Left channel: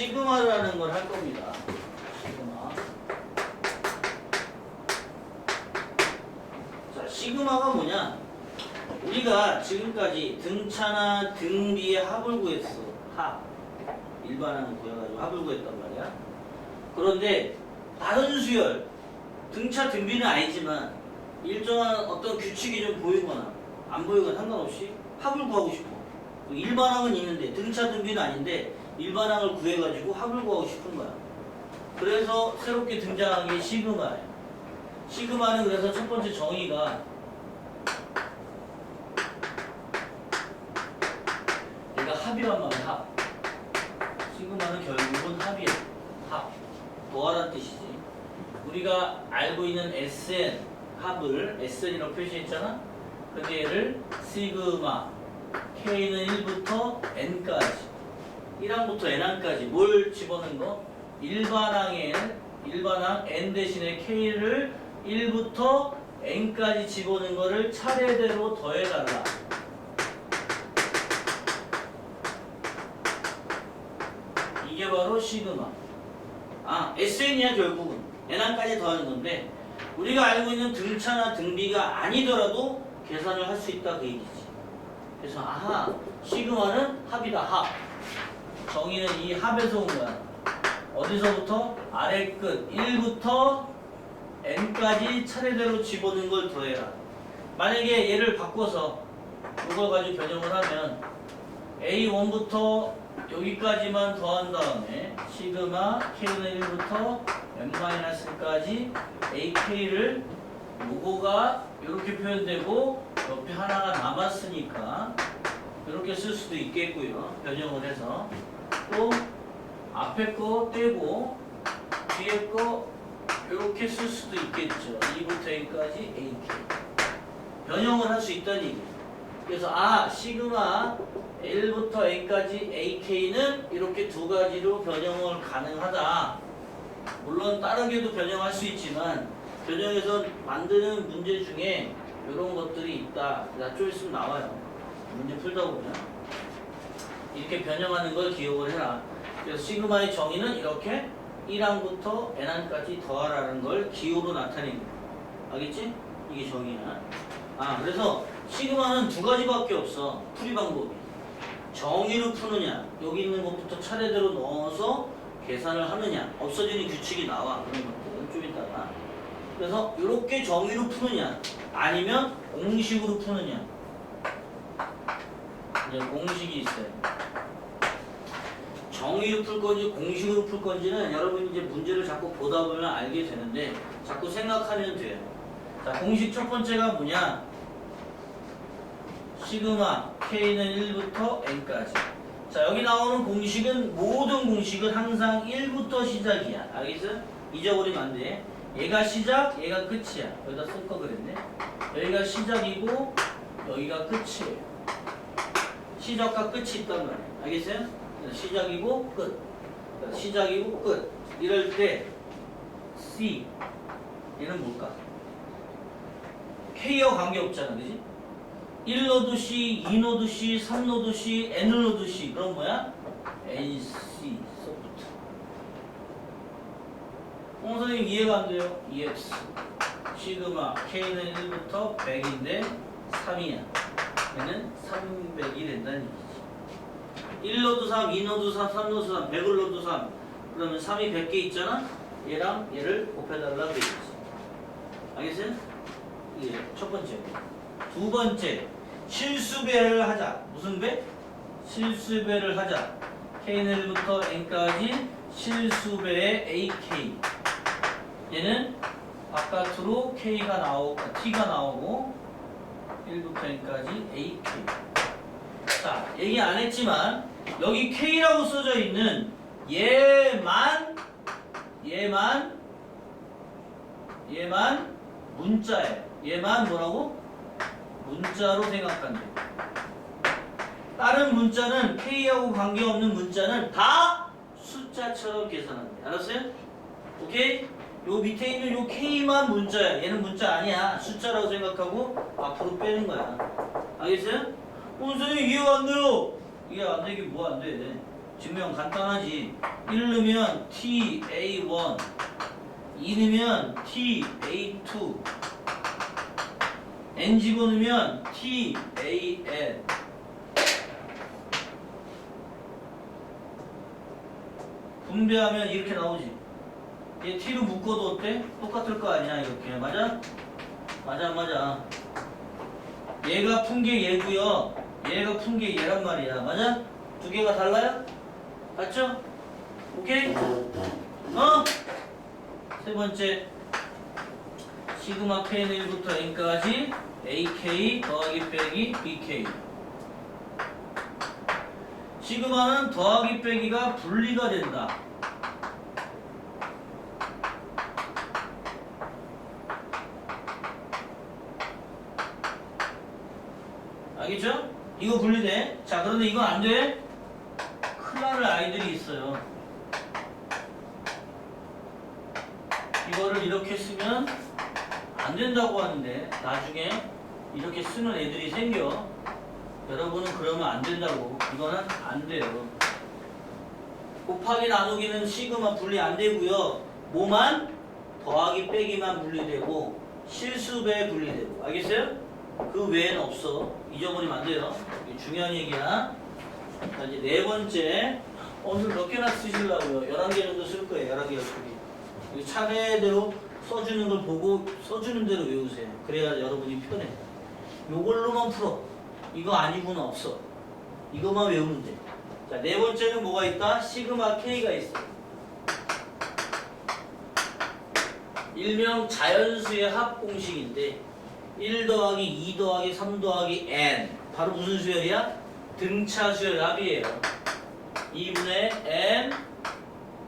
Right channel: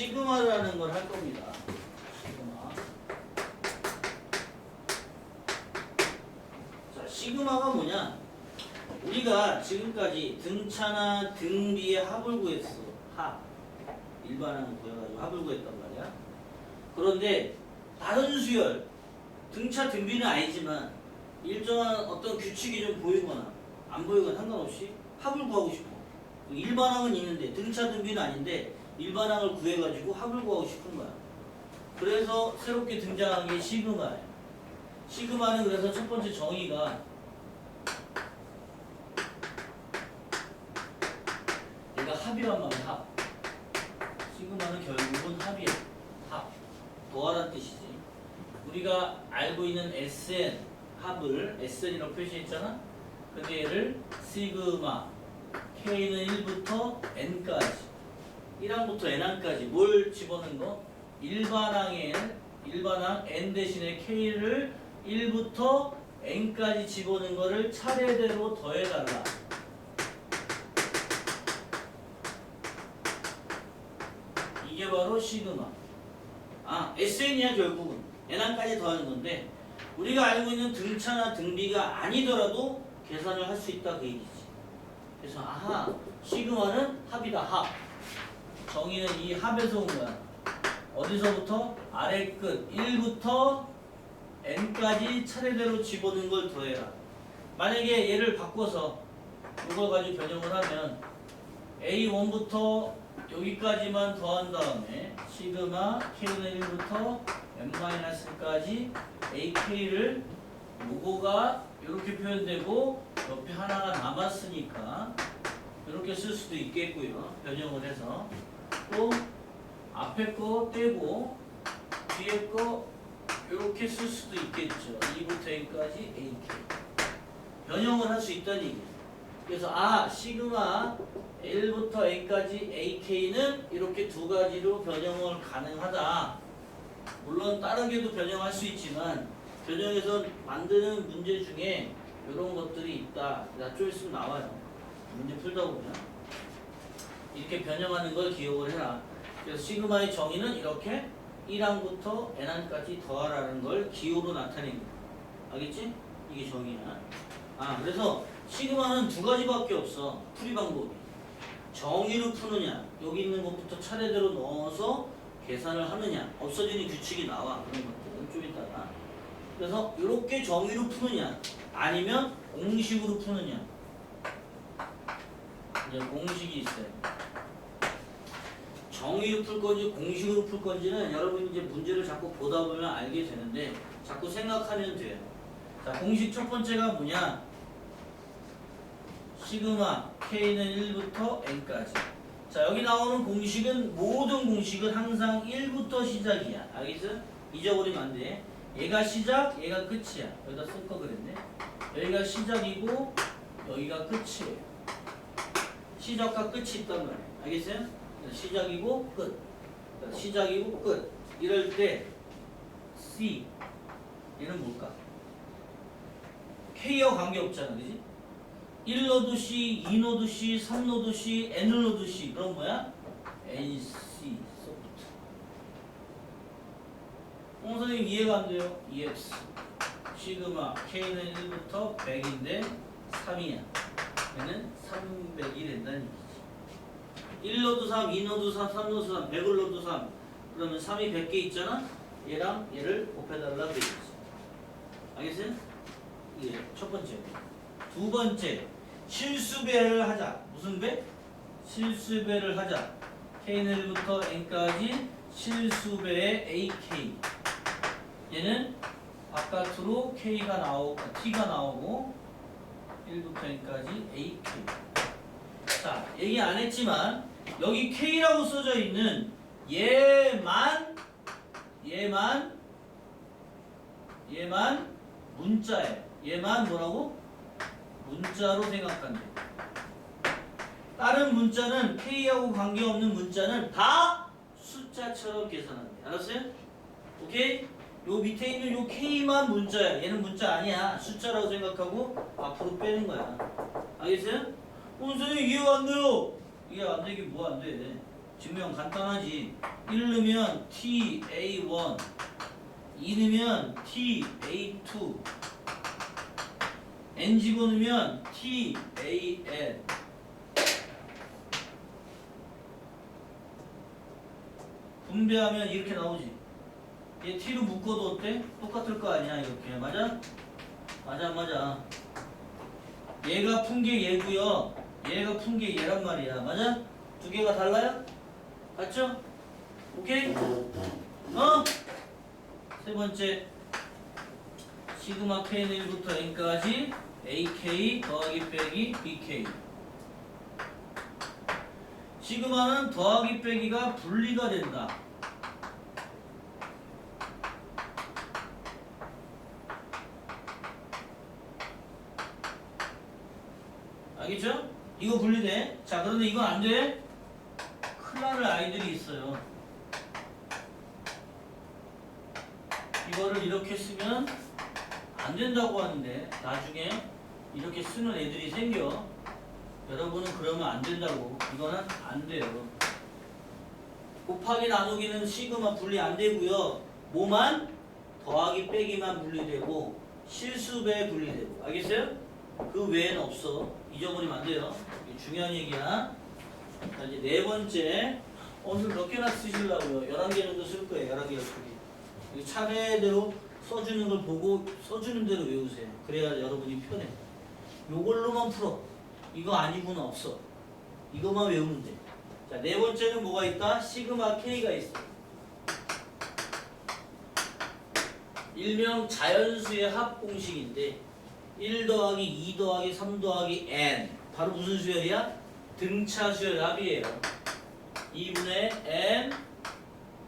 시그마라는 걸 할 겁니다. 시그마. 자, 시그마가 뭐냐? 우리가 지금까지 등차나 등비의 합을 구했어. 합. 일반항을 구해가지고 합을 구했단 말이야. 그런데 다른 수열, 등차 등비는 아니지만 일정한 어떤 규칙이 좀 보이거나 안 보이거나 상관없이 합을 구하고 싶어. 일반항은 있는데 등차 등비는 아닌데 일반항을 구해가지고 합을 구하고 싶은 거야. 그래서 새롭게 등장한 게 시그마예요. 시그마는 그래서 첫 번째 정의가 얘가 합이란 말이야. 합. 시그마는 결국은 합이야. 합. 더하라는 뜻이지. 우리가 알고 있는 SN 합을 SN이라고 표시했잖아. 근데 얘를 시그마 K는 1부터 N까지 1항부터 N항까지 뭘 집어넣은 거? 일반항 N 대신에 K를 1부터 N까지 집어넣은 거를 차례대로 더해달라. 이게 바로 시그마. SN이야 결국은. N항까지 더하는 건데 우리가 알고 있는 등차나 등비가 아니더라도 계산을 할 수 있다 그 얘기지. 그래서 시그마는 합이다. 합. 정의는 이 합에서 온 거야. 어디서부터? 아래 끝 1부터 n까지 차례대로 집어넣은 걸 더해라. 만약에 얘를 바꿔서 이걸 가지고 변형을 하면 a1부터 여기까지만 더한 다음에 시그마 k는 1부터 n-까지 ak를 요거가 이렇게 표현되고 옆에 하나가 남았으니까 이렇게 쓸 수도 있겠고요. 변형을 해서 또 앞에 거 떼고 뒤에 거 이렇게 쓸 수도 있겠죠. 2부터 n까지 ak 변형을 할 수 있다는 얘기예요. 그래서 시그마 1부터 n까지 ak는 이렇게 두 가지로 변형을 가능하다. 물론 다르게도 변형할 수 있지만 변형해서 만드는 문제 중에 이런 것들이 있다. 좀 있으면 나와요. 문제 풀다 보면 이렇게 변형하는 걸 기억을 해라. 그래서 시그마의 정의는 이렇게 1항부터 n항까지 더하라는 걸 기호로 나타냅니다. 알겠지? 이게 정의야. 그래서 시그마는 두 가지밖에 없어. 풀이 방법이. 정의로 푸느냐, 여기 있는 것부터 차례대로 넣어서 계산을 하느냐, 없어지는 규칙이 나와. 그런 것들은 좀 이따가. 그래서 이렇게 정의로 푸느냐, 아니면 공식으로 푸느냐. 이제 공식이 있어요. 정의로 풀 건지 공식으로 풀 건지는 여러분이 이제 문제를 자꾸 보다 보면 알게 되는데 자꾸 생각하면 돼요. 자, 공식 첫 번째가 뭐냐? 시그마 K는 1부터 N까지. 자, 여기 나오는 공식은 모든 공식은 항상 1부터 시작이야. 알겠어? 잊어버리면 안 돼. 얘가 시작, 얘가 끝이야. 여기다 쓸 거 그랬네. 여기가 시작이고 여기가 끝이에요. 시작과 끝이 있단 말이야. 알겠어요? 시작이고 끝. 시작이고 끝. 이럴 때 C 얘는 뭘까? K와 관계없잖아. 그지? 1노드 C, 2노드 C, 3노드 C, N노드 C. 그럼 뭐야? NC 소프트. 선생님 이해가 안 돼요? EX 시그마 K는 1부터 100인데 3이야. 얘는 300이 된다는 얘기지. 1노드 3, 2노드 3, 3노드 3, 100을 노드 3. 그러면 3이 100개 있잖아? 얘랑 얘를 곱해달라고 되어 있어. 알겠어요? 이게 첫 번째. 두 번째, 실수배를 하자. 무슨 배? 실수배를 하자. K는 1부터 N까지 실수배의 AK. 얘는 바깥으로 K가 나오고, T가 나오고, 1부터 N까지 AK. 자, 얘기 안 했지만, 여기 K라고 써져 있는 얘만 문자예요. 얘만 뭐라고? 문자로 생각한대. 다른 문자는 K하고 관계없는 문자는 다 숫자처럼 계산한대. 알았어요? 오케이? 요 밑에 있는 요 K만 문자야. 얘는 문자 아니야. 숫자라고 생각하고 앞으로 빼는 거야. 알겠어요? 선생님 이해가 안 돼요. 이해 안 되긴 뭐 안 돼. 증명 간단하지. 1 넣으면 TA1, 2 넣으면 TA2, N 집어넣으면 TAN. 분배하면 이렇게 나오지. 얘 T로 묶어도 어때? 똑같을 거 아니야 이렇게. 맞아? 맞아 안 맞아? 얘가 푼 게 얘고요. 얘가 푼 게 얘란 말이야. 맞아? 두 개가 달라요? 맞죠? 오케이? 어? 세 번째 시그마 K는 1부터 N까지 AK 더하기 빼기 BK. 시그마는 더하기 빼기가 분리가 된다. 알겠죠? 이거 분리돼. 자, 그런데 이건 안 돼. 큰일 날 아이들이 있어요. 이거를 이렇게 쓰면 안 된다고 하는데 나중에 이렇게 쓰는 애들이 생겨. 여러분은 그러면 안 된다고. 이거는 안 돼요. 곱하기 나누기는 시그마 분리 안 되고요. 뭐만? 더하기 빼기만 분리되고 실수배 분리되고. 알겠어요? 그 외에는 없어. 잊어버리면 안 돼요. 이게 중요한 얘기야. 자, 이제 네 번째. 오늘 몇 개나 쓰시려고요? 11개 정도 쓸 거예요. 11개, 12개. 차례대로 써주는 걸 보고 써주는 대로 외우세요. 그래야 여러분이 편해. 요걸로만 풀어. 이거 아니고는 없어. 이거만 외우면 돼. 자, 네 번째는 뭐가 있다? 시그마 K가 있어. 일명 자연수의 합 공식인데 1 더하기 2 더하기 3 더하기 n. 바로 무슨 수열이야? 등차 수열 합이에요. 2분의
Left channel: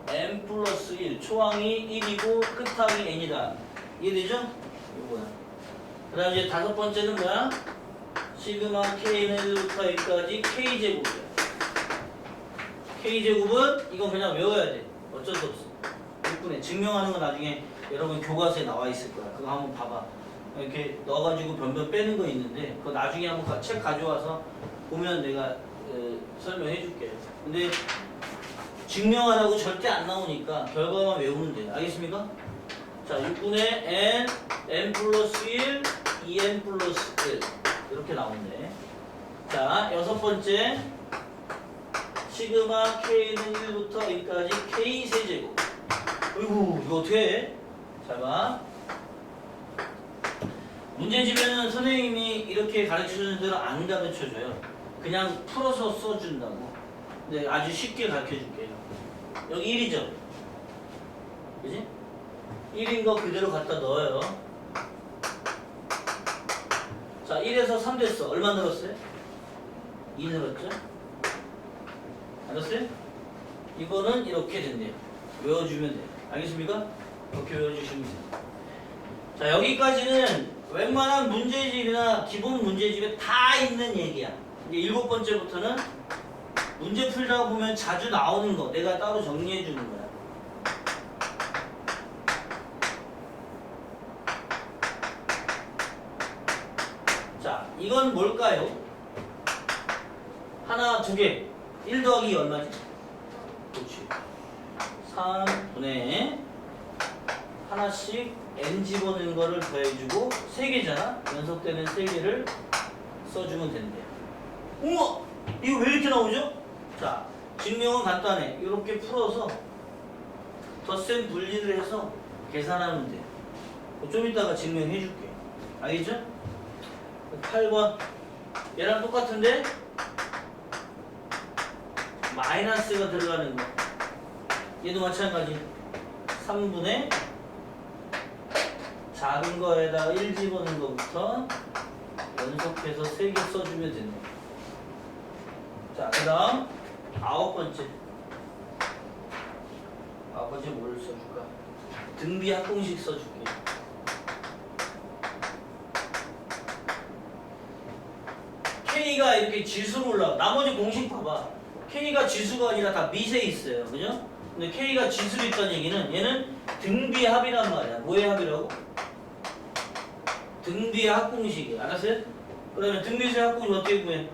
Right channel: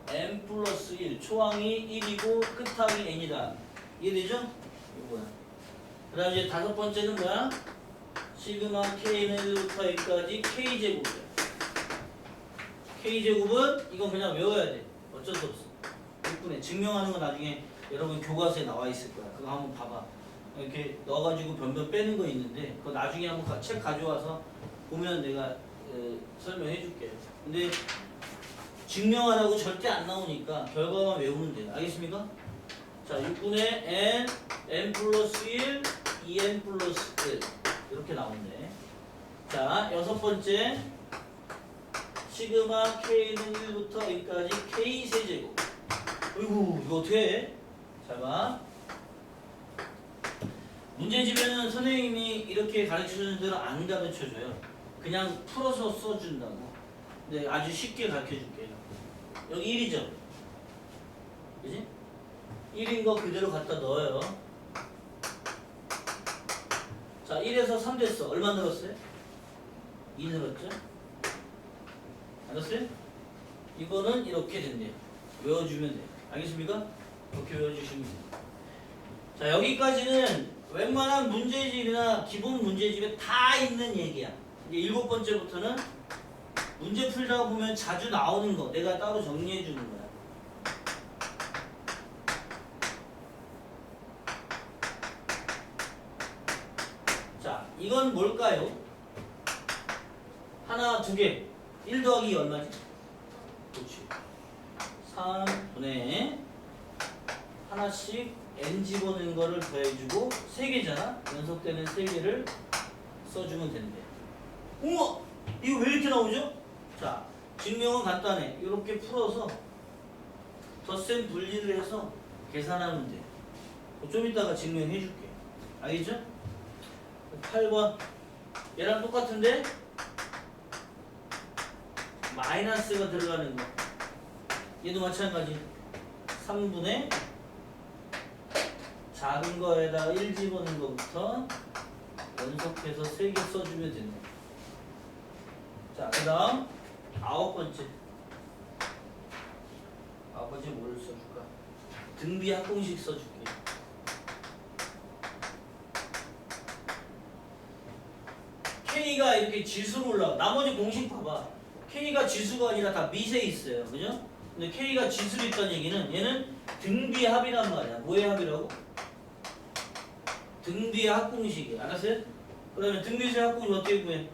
n 플러스 1. 초항이 1이고 끝항이 n이다. 이해되죠? 이거야. 그 다음 이제 다섯 번째는 뭐야? 시그마 K는 1부터 N까지 K제곱이야. K제곱은 이건 그냥 외워야 돼. 어쩔 수 없어. 6분의 증명하는 건 나중에 여러분 교과서에 나와 있을 거야. 그거 한번 봐봐. 이렇게 넣어가지고 변변 빼는 거 있는데 그거 나중에 한번 책 가져와서 보면 내가 설명해 줄게. 근데 증명하라고 절대 안 나오니까 결과만 외우면 돼. 알겠습니까? 자, 6분의 n 플러스 1, 2n 플러스 1 이렇게 나오네. 자, 여섯 번째 시그마 K는 1부터 N까지 K 세제곱. 어이구, 이거 어떻게 해? 잘 봐. 문제집에는 선생님이 이렇게 가르쳐주는 대로 안 가르쳐줘요. 그냥 풀어서 써준다고. 근데 아주 쉽게 가르쳐줄게요. 여기 1이죠? 그지? 1인 거 그대로 갖다 넣어요. 자, 1에서 3 됐어. 얼마 늘었어요? 2 늘었죠? 알았어요? 이거는 이렇게 된대요. 외워주면 돼요. 알겠습니까? 이렇게 외워주시면 돼요. 자, 여기까지는 웬만한 문제집이나 기본 문제집에 다 있는 얘기야. 이제 7번째부터는 문제 풀다 보면 자주 나오는 거 내가 따로 정리해 주는 거야. 자, 이건 뭘까요? 하나, 두 개. 1 더하기 얼마지? 그렇지. 3분의 하나씩 n 집어넣는 거를 더해주고 3개잖아? 연속되는 3개를 써주면 된대요. 우와! 이거 왜 이렇게 나오죠? 자, 증명은 간단해. 이렇게 풀어서 덧셈 분리를 해서 계산하면 돼요. 좀 이따가 증명해 줄게. 알겠죠? 8번. 얘랑 똑같은데? 마이너스가 들어가는 거. 얘도 마찬가지. 3분의 작은 거에다가 1 집어넣는 거부터 연속해서 3개 써주면 된다. 자, 그 다음 9번째. 9번째 뭐를 써줄까? 등비 합공식 써줄게. K가 이렇게 지수로 올라가. 나머지 공식 봐봐. K가 지수가 아니라 다 밑에 있어요. 그죠? 근데 K가 지수로 있다는 얘기는 얘는 등비 합이란 말이야. 뭐의 합이라고? 등비의 합공식이야. 알았어요? 그러면 등비수의 합공식 어떻게 구해?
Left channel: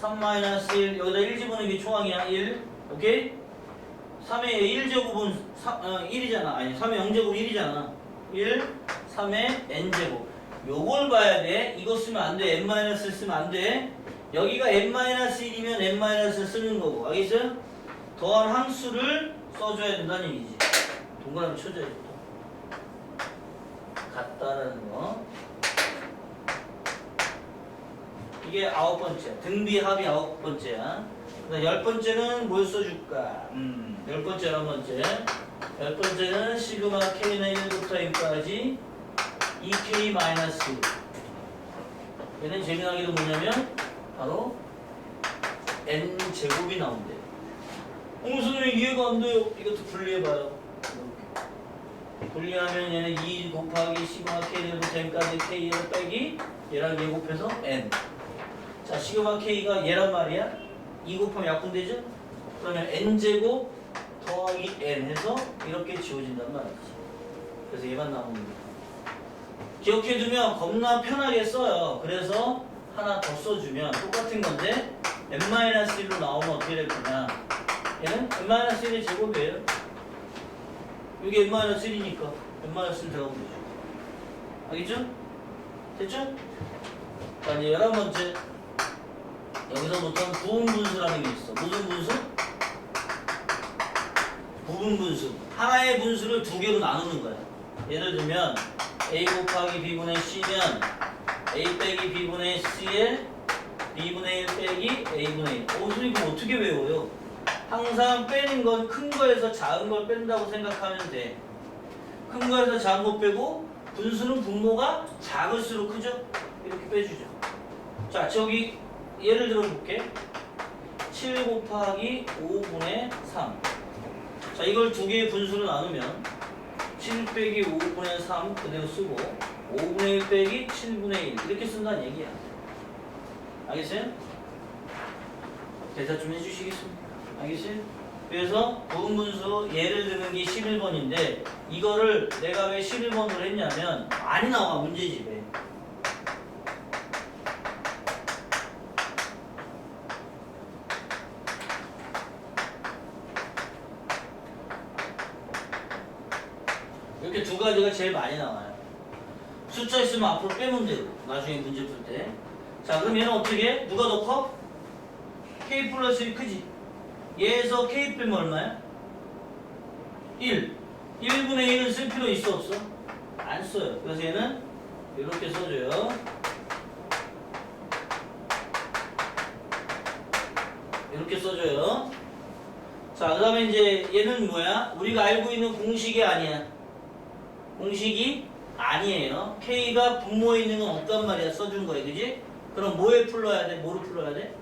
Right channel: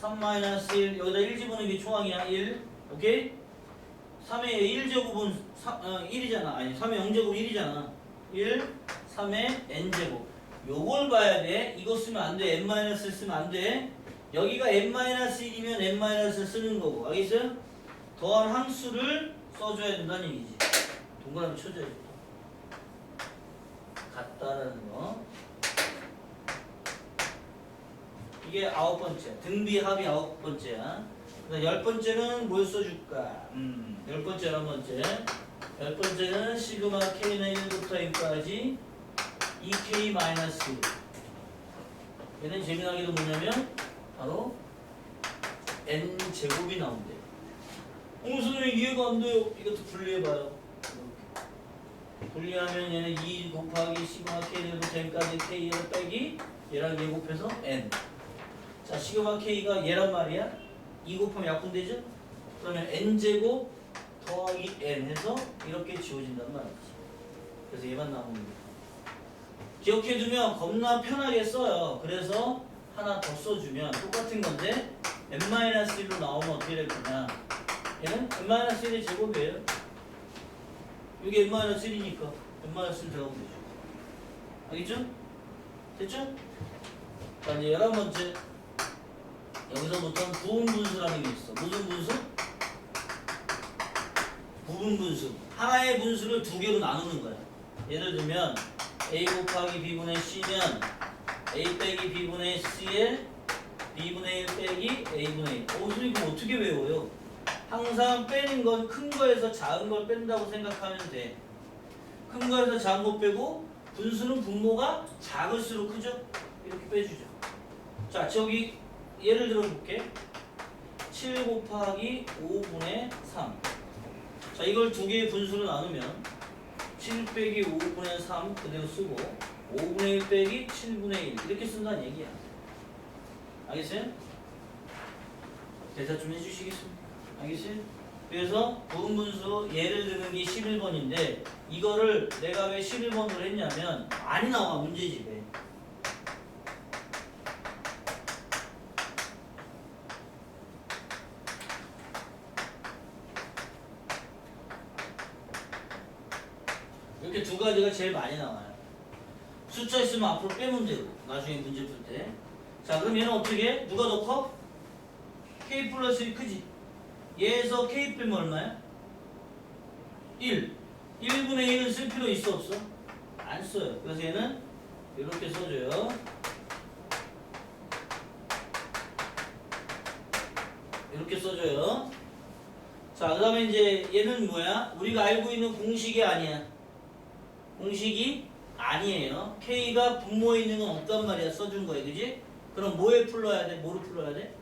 3-1 여기다 1 집어넣는 게 초항이야. 1 오케이? 3의 1제곱은 1이잖아. 아니 3의 0제곱 1이잖아. 1, 3의 n제곱. 요걸 봐야 돼. 이거 쓰면 안 돼. n-1 쓰면 안 돼. 여기가 n-1이면 n- 쓰는 거고. 알겠어요? 더한 함수를 써줘야 된다는 얘기지. 동그라미 쳐줘야지 또. 같다라는 거. 이게 9번째야. 등비 합이 9번째야. 그다음 10번째는 뭘 써줄까? 10번째 11번째. 10번째는 시그마 k는 1부터 n까지 2k 마이너스 1. 얘는 재미나게도 뭐냐면 바로 n제곱이 나온대. 선생님 이해가 안 돼요. 이것도 분리해봐요. 분리하면 얘는 2 곱하기 시그마 k부터 n까지 k를 빼기 얘랑 얘 곱해서 n. 자, 시그마 k가 얘란 말이야. 2 곱하면 약분되죠? 그러면 n제곱 더하기 n 해서 이렇게 지워진단 말이지. 그래서 얘만 나오는 거야. 기억해두면 겁나 편하게 써요. 그래서 하나 더 써주면 똑같은 건데 n-1로 나오면 어떻게 될 거냐. 얘는 n-1의 제곱이에요. 여기 n-1이니까 n-1 들어가면 되죠. 알겠죠? 됐죠? 자, 이제 11번째. 여기서부터는 부분분수라는 게 있어. 무슨 분수? 부분분수. 하나의 분수를 두 개로 나누는 거야. 예를 들면 a 곱하기 b분의 c면 a 빼기 b분의 c에 b분의 1 빼기 a분의 1. 선생님 이거 어떻게 외워요? 항상 빼는 건 큰 거에서 작은 걸 뺀다고 생각하면 돼. 큰 거에서 작은 거 빼고 분수는 분모가 작을수록 크죠? 이렇게 빼주죠. 자, 저기 예를 들어 볼게. 7 곱하기 5분의 3. 자, 이걸 두 개의 분수로 나누면 7 빼기 5분의 3 그대로 쓰고 5분의 1 빼기 7분의 1 이렇게 쓴다는 얘기야. 알겠어요? 대사 좀 해주시겠습니까? 알겠어요? 그래서 부분분수 예를 드는 게 11번인데 이거를 내가 왜 11번으로 했냐면 많이 나와 문제집에. 이렇게 두 가지가 제일 많이 나와요. 숫자 있으면 앞으로 빼면 되고 나중에 문제 풀 때. 자, 그럼 얘는 어떻게 해? 누가 더 커? k 플러스 1 크지? 얘에서 k 빼면 얼마야? 1. 1분의 1은 쓸 필요 있어 없어? 안 써요. 그래서 얘는 이렇게 써줘요. 이렇게 써줘요. 자, 그 다음에 이제 얘는 뭐야? 우리가 알고 있는 공식이 아니야. 공식이 아니에요. K가 분모에 있는 건 없단 말이야. 써준 거야. 그지? 그럼 뭐에 풀러야 돼? 뭐로 풀러야 돼?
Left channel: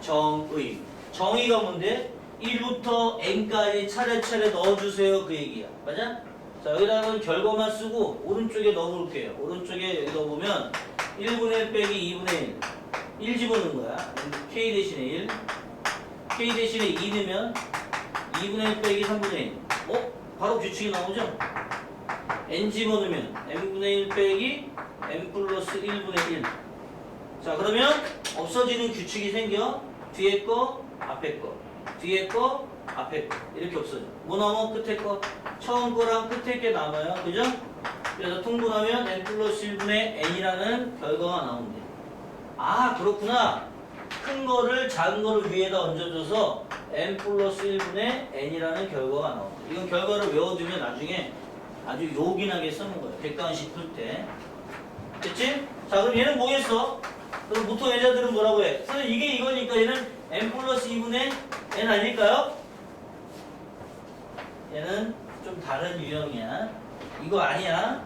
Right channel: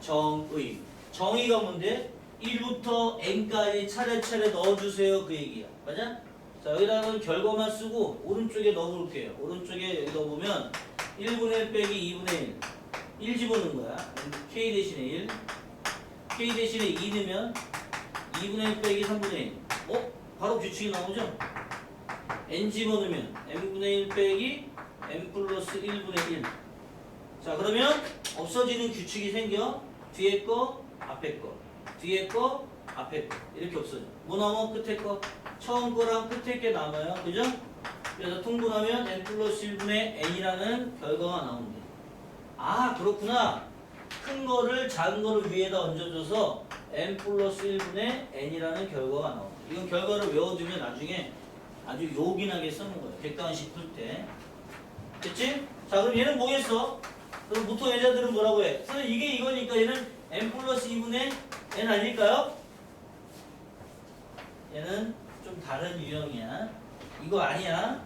정의. 정의가 뭔데? 1부터 n까지 차례차례 넣어주세요. 그 얘기야. 맞아? 자, 여기다가 결과만 쓰고 오른쪽에 넣어볼게요. 오른쪽에 여기 넣어보면 1분의 1 빼기 2분의 1. 1 집어넣은 거야. K 대신에 1. K 대신에 2 넣으면 2분의 1 빼기 3분의 1. 바로 규칙이 나오죠? n 집어넣으면 n분의 1 빼기 n 플러스 1분의 1. 자, 그러면 없어지는 규칙이 생겨. 뒤에 거, 앞에 거. 뒤에 거, 앞에 거. 이렇게 없어져. 뭐 남아? 끝에 거. 처음 거랑 끝에 게 남아요. 그죠? 그래서 통분하면 n 플러스 1분의 n이라는 결과가 나온대. 아, 그렇구나. 큰 거를 작은 거를 위에다 얹어줘서 n 플러스 1분의 n이라는 결과가 나온다. 이건 결과를 외워두면 나중에 아주 요긴하게 쓰는 거예요. 객관식 풀 때. 됐지? 자, 그럼 얘는 뭐겠어? 그럼 보통 애자들은 뭐라고 해? 선생님 이게 이거니까 얘는 n 플러스 2분의 n 아닐까요? 얘는 좀 다른 유형이야. 이거 아니야.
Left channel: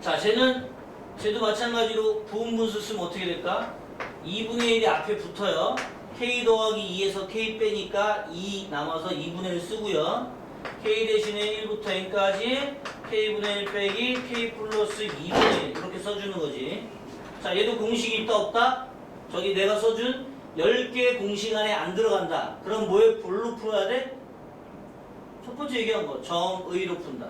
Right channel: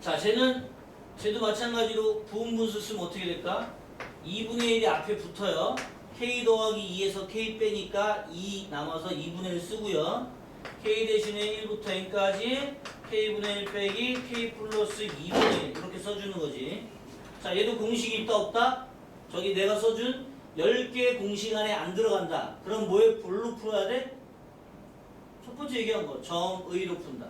자, 쟤도 마찬가지로 부분분수 쓰면 어떻게 될까? 2분의 1이 앞에 붙어요. k 더하기 2에서 k 빼니까 2 남아서 2분의 1 쓰고요. k 대신에 1부터 n까지 k분의 1 빼기 k 플러스 2분의 1 이렇게 써주는 거지. 자, 얘도 공식이 있다 없다? 저기 내가 써준 10개의 공식 안에 안 들어간다. 그럼 뭘로 풀어야 돼? 첫 번째 얘기한 거 정의로 푼다.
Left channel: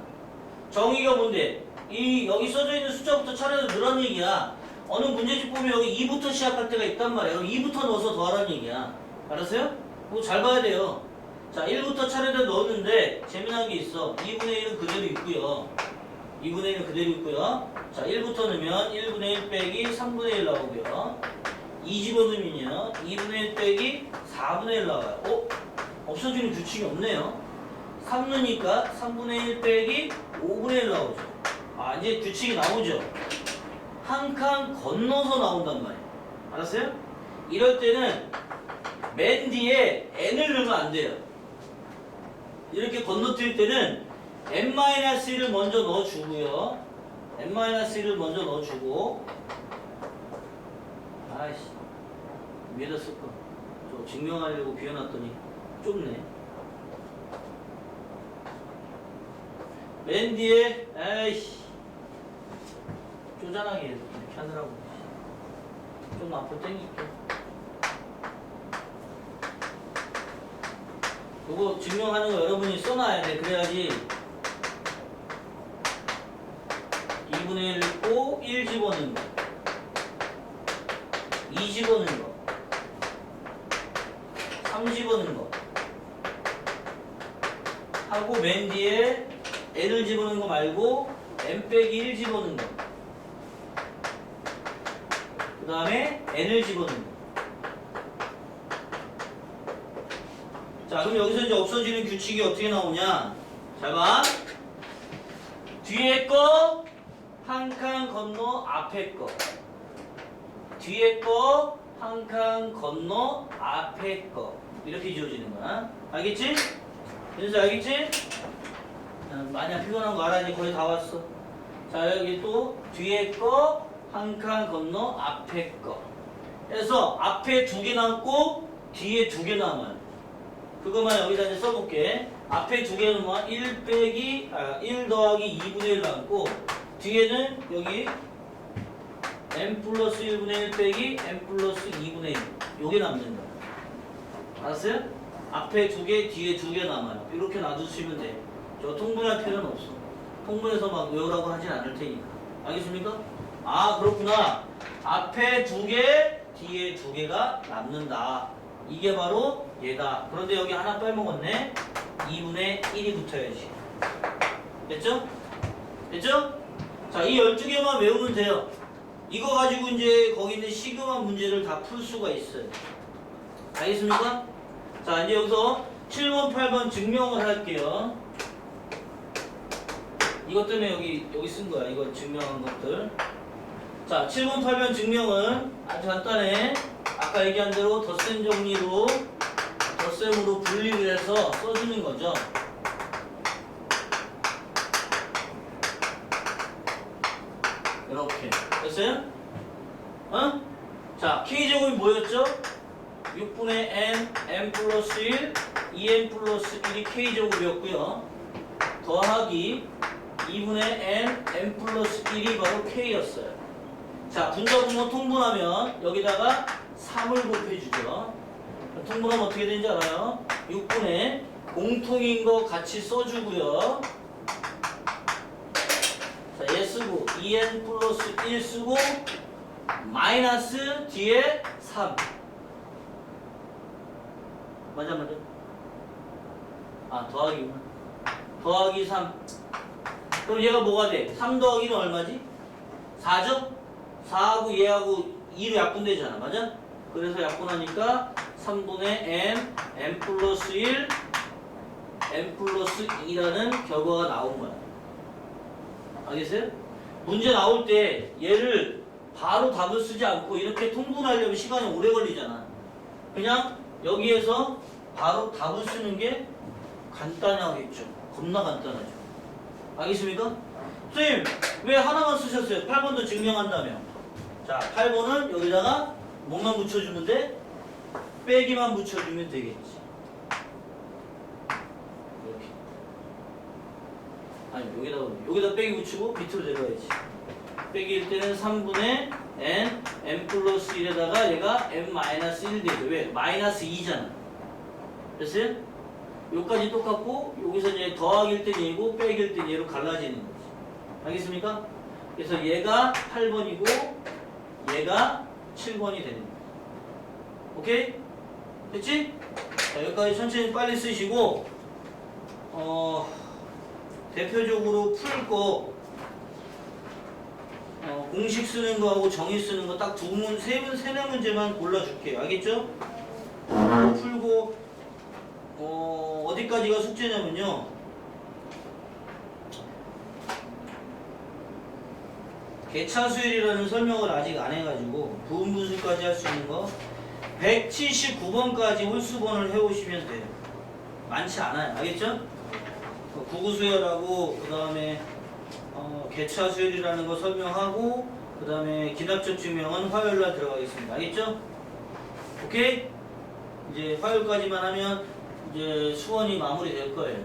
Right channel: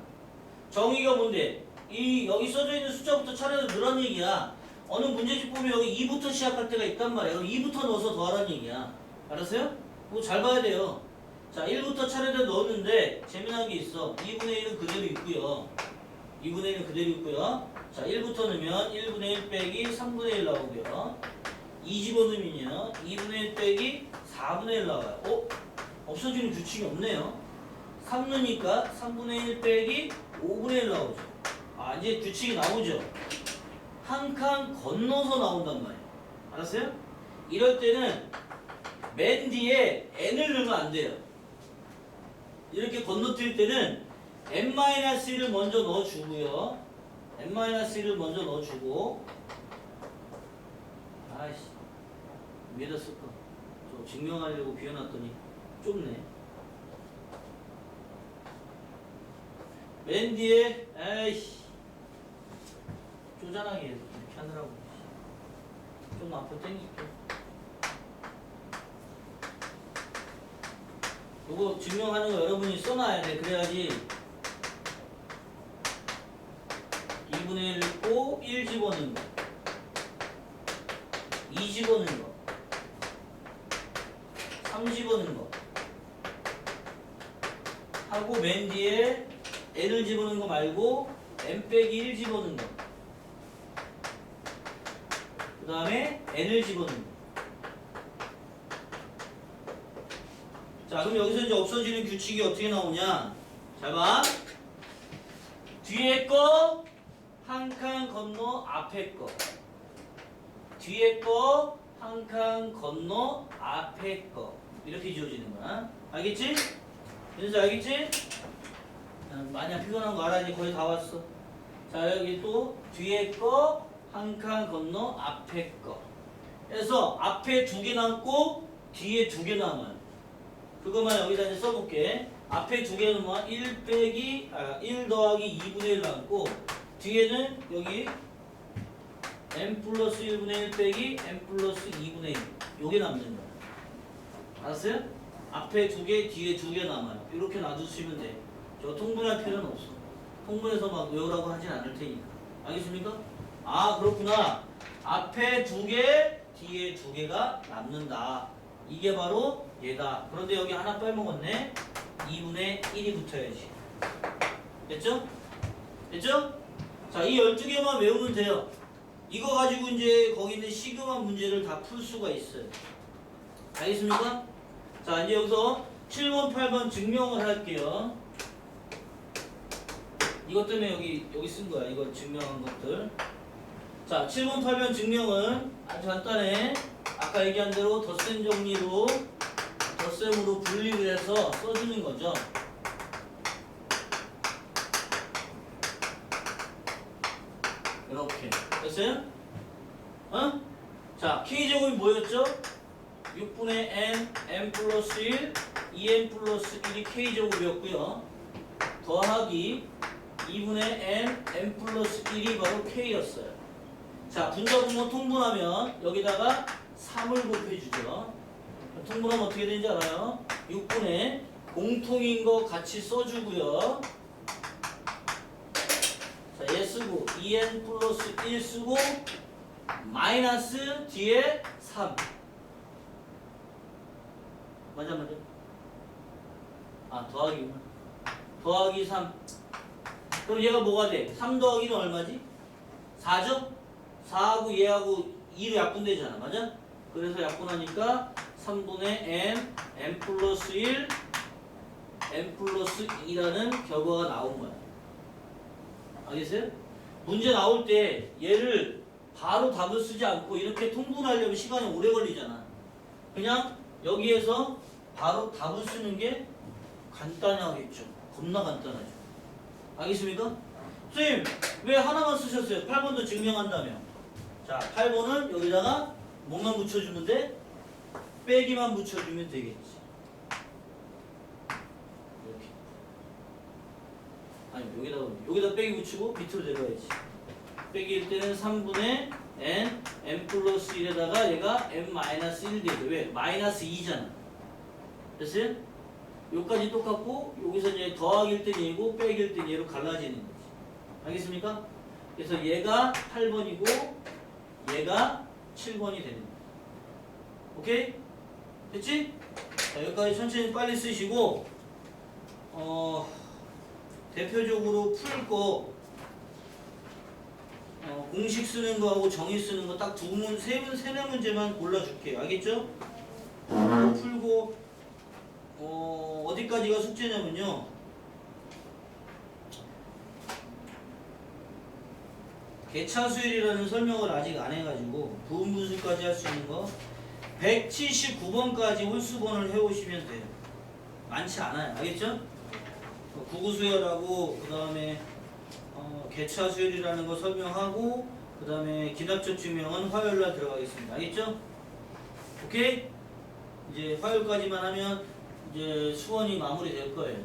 정의가 뭔데? 이 여기 써져 있는 숫자부터 차례로 늘어난 얘기야. 어느 문제집 보면 여기 2부터 시작할 때가 있단 말이야. 그럼 2부터 넣어서 더하라는 얘기야. 알았어요? 그거 잘 봐야 돼요. 자, 1부터 차례대로 넣었는데 재미난 게 있어. 2분의 1은 그대로 있고요. 2분의 1은 그대로 있고요. 자, 1부터 넣으면 1분의 1 빼기 3분의 1 나오고요. 2 집어넣으면요. 2분의 1 빼기 4분의 1 나와요. 없어지는 규칙이 없네요. 3 넣으니까 3분의 1 빼기 5분의 1 나오죠. 아, 이제 규칙이 나오죠. 한 칸 건너서 나온단 말이에요. 알았어요? 이럴 때는 맨 뒤에 n을 넣으면 안 돼요. 이렇게 건너뛸 때는 n-1을 먼저 넣어주고요. n-1을 먼저 넣어주고, 아이씨, 위에다 쓸까? 저 증명하려고 비워놨더니 좁네. 맨 뒤에, 아이씨, 쪼잔하게 이렇게 하느라고. 좀 앞으로 당길게. 이거 증명하는 거 여러분이 써놔야 돼. 그래야지 2분의 1 있고 1 집어넣는 거, 2 집어넣는 거, 3 집어넣는 거 하고 맨 뒤에 n을 집어넣는 거 말고 n 빼기 1 집어넣는 거, 그 다음에 n을 집어넣는 거. 자, 그럼 여기서 이제 없어지는 규칙이 어떻게 나오냐? 잘 봐. 뒤에 거 한 칸 건너 앞에 거. 뒤에 거 한 칸 건너 앞에 거. 이렇게 지워지는 거야. 알겠지? 그래서 알겠지? 많이 피곤한 거 알아. 이제 거의 다 왔어. 자, 여기 또 뒤에 거 한 칸 건너 앞에 거. 그래서 앞에 2개 남고 뒤에 2개 남아요. 그것만 여기다 이제 써볼게. 앞에 2개는 1 더하기 2분의 1 남고, 뒤에는 여기 n 플러스 1분의 1 빼기 n 플러스 2분의 1. 요게 남는 거야. 알았어요? 앞에 2개, 뒤에 2개 남아요. 이렇게 놔두시면 돼. 저 통분할 필요는 없어. 통분해서 막 외우라고 하진 않을 테니까. 알겠습니까? 아, 그렇구나. 앞에 2개, 뒤에 2개가 남는다. 이게 바로 얘다. 그런데 여기 하나 빼먹었네. 2분의 1이 붙어야지. 됐죠? 됐죠? 자, 이 12개만 외우면 돼요. 이거 가지고 이제 거기 있는 시그마 문제를 다 풀 수가 있어요. 알겠습니까? 자, 이제 여기서 7번, 8번 증명을 할게요. 이것 때문에 여기 쓴 거야. 이거 증명한 것들. 자, 7번, 8번 증명은 아주 간단해. 아까 얘기한 대로 덧셈 정리로 덧셈으로 분리를 해서 써주는 거죠. 이렇게 됐어요? 어? 자, K제곱이 뭐였죠? 6분의 n 플러스 1, 2n 플러스 1이 K제곱이었고요. 더하기 2분의 n 플러스 1이 바로 K였어요. 자, 분자분모 통분하면 여기다가 3을 곱해주죠. 통분하면 어떻게 되는지 알아요? 6분의 공통인 거 같이 써주고요. 자, 얘 쓰고 2n 플러스 1 쓰고 마이너스 뒤에 3. 맞아. 아, 더하기구나. 더하기 3. 그럼 얘가 뭐가 돼? 3 더하기는 얼마지? 4죠? 4하고 얘하고 2로 약분되잖아. 맞아? 그래서 약분하니까 3분의 n 플러스 1, n 플러스 2라는 결과가 나온 거야. 알겠어요? 문제 나올 때 얘를 바로 답을 쓰지 않고 이렇게 통분하려면 시간이 오래 걸리잖아. 그냥 여기에서 바로 답을 쓰는 게 간단하겠죠. 겁나 간단하죠. 알겠습니까? 선생님, 왜 하나만 쓰셨어요? 8번도 증명한다며. 자, 8번은 여기다가 뭐만 붙여주면 돼? 빼기만 붙여주면 되겠지. 이렇게. 아니, 여기다 빼기 붙이고 밑으로 내려야지. 빼기일 때는 3분의 n 플러스 1에다가 얘가 n-1 되죠. 왜? 마이너스 2잖아. 됐어요? 여기까지 똑같고 여기서 이제 더하기일 때 얘고 빼기일 때 얘로 갈라지는 거지. 알겠습니까? 그래서 얘가 8번이고 얘가 7번이 되는 거야. 오케이? 됐지? 자, 여기까지 천천히 빨리 쓰시고 대표적으로 풀 거 공식 쓰는 거하고 정의 쓰는 거 딱 세네 문제만 골라줄게요. 알겠죠? 풀고 어디까지가 숙제냐면요. 개차수열이라는 설명을 아직 안 해가지고 부분분수까지 할 수 있는 거 179번까지 홀수번을 해오시면 돼요. 많지 않아요. 알겠죠? 구구수열하고 그 다음에 개차수열이라는 거 설명하고 그 다음에 기납적 증명은 화요일날 들어가겠습니다. 알겠죠? 오케이? 이제 화요일까지만 하면 이제 수원이 마무리될 거예요.